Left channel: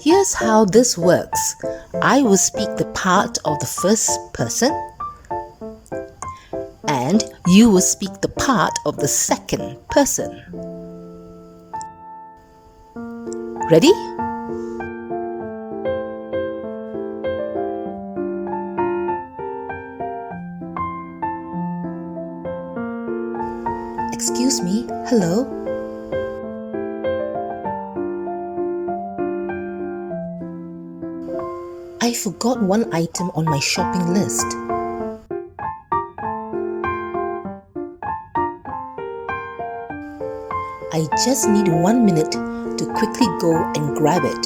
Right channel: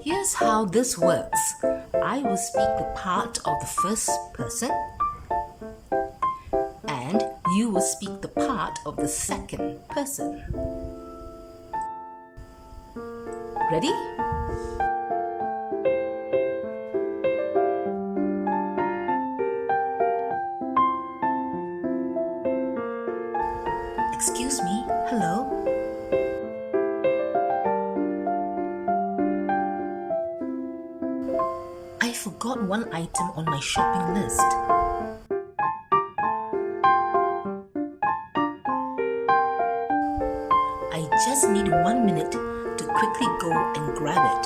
Here's how this works. I will speak the part of the first person and you will speak the part of the second person. Ready? Excuse me, hello? I forgot one item on my shopping list. I just need 1 minute to quickly go and grab it.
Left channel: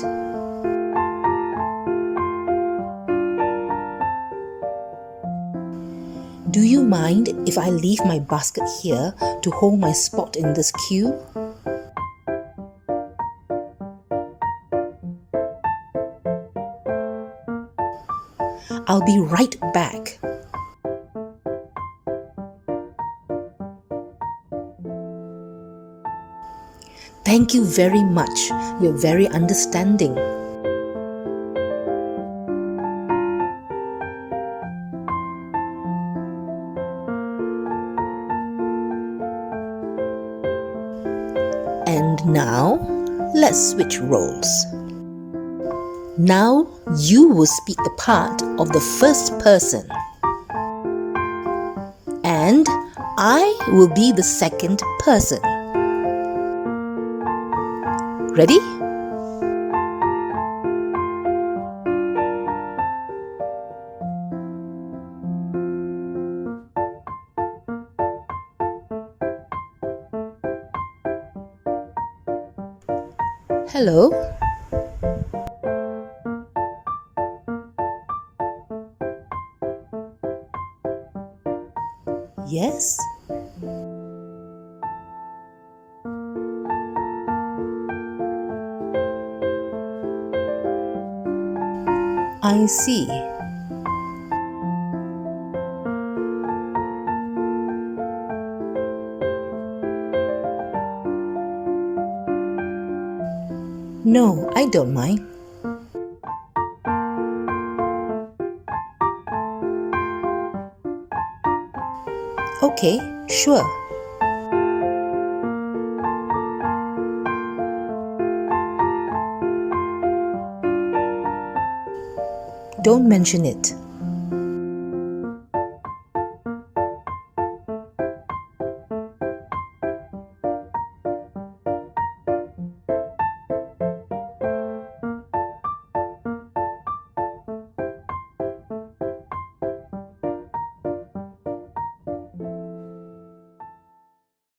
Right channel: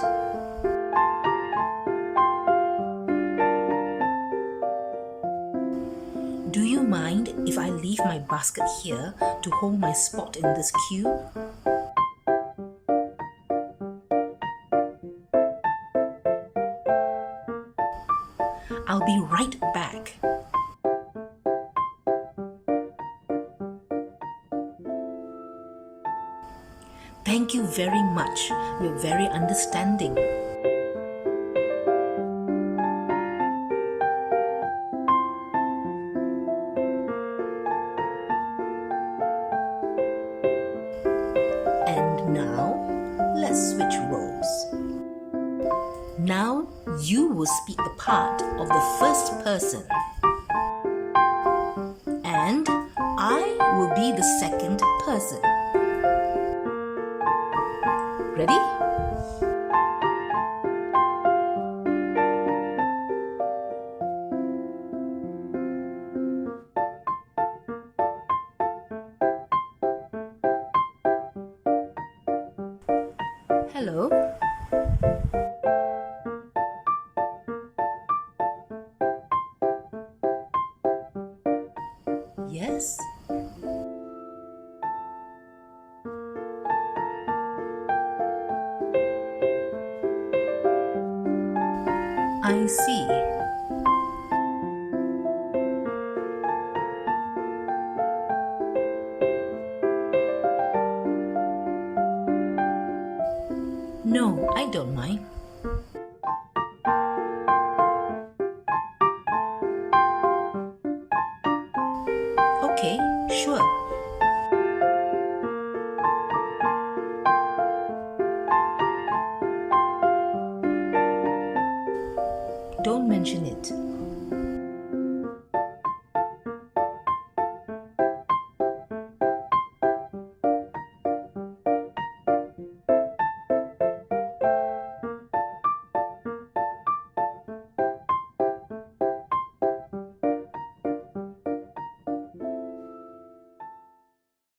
Do you mind if I leave my basket here to hold my spot in this queue? I'll be right back. Thank you very much. You're very understanding. And now, let's switch roles. Now, you will speak the part of the first person. And I will be the second person. Ready? Hello? Yes? I see. No, I don't mind. Okay, sure. Don't mention it.